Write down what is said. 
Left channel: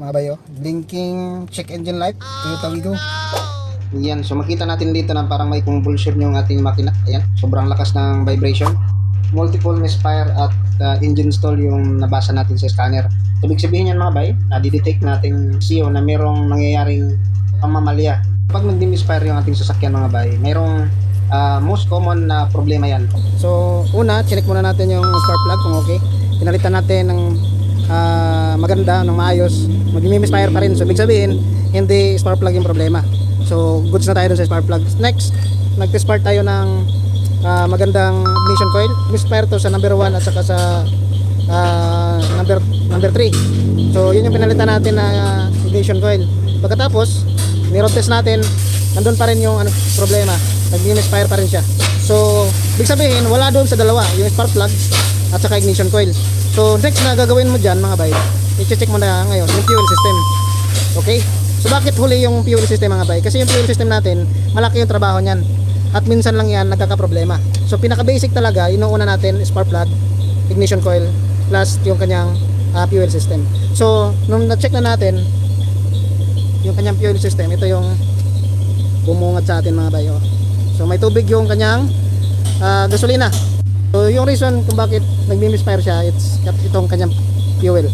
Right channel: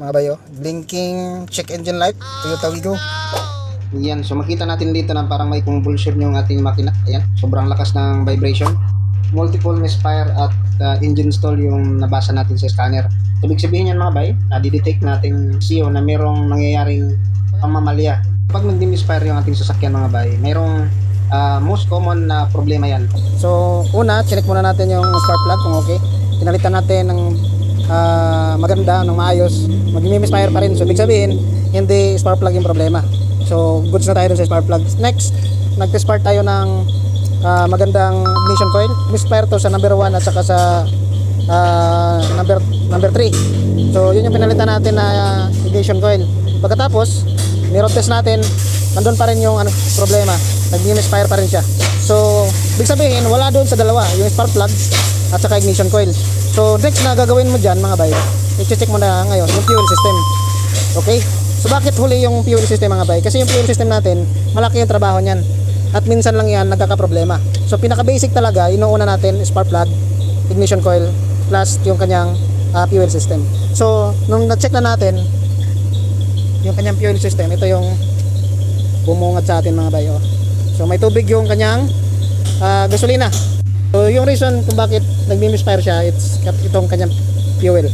mga bayo. Blinking check engine light, Toyota Wigo. Yan, so makita natin dito na parang may convulsion yung ating makina. Ayan, sobrang lakas ng vibration. Multiple misfire at engine stall yung nabasa natin sa scanner. Ibig sabihin yan mga bay, nadidetect natin CEO na merong nangyayaring pamamalya. Pag nagdi-misfire yung ating sasakyan mga bay, merong most common na problema yan. So una, check muna natin yung spark plug kung okay. Pinalitan natin ng maganda, ng maayos. Mag-misfire pa rin. So ibig sabihin, hindi spark plug yung problema. So goods na tayo dun sa spark plug. Next, nag-spark tayo ng magandang ignition coil. Misfire to sa number 1 at saka sa number 3. So yun yung pinalitan natin na ignition coil. Pagkatapos, ni-road test natin, nandun pa rin yung problema. Nag-misfire pa rin siya. So ibig sabihin, wala doon sa dalawa, yung spark plug at saka ignition coil. So next na gagawin mo dyan mga bay, i-check mo na ngayon yung fuel system. Okay? So bakit huli yung fuel system mga bay? Kasi yung fuel system natin, malaki yung trabaho niyan. At minsan lang yan nagkakaproblema. So pinaka basic talaga, inuuna natin spark plug, ignition coil, plus yung kanyang fuel system. So nung na-check na natin yung kanyang fuel system, ito yung bumungat sa atin mga bay. Oh. So may tubig yung kanyang gasolina. So yung reason kung bakit nagmi-misfire siya, it's itong kanyang fuel.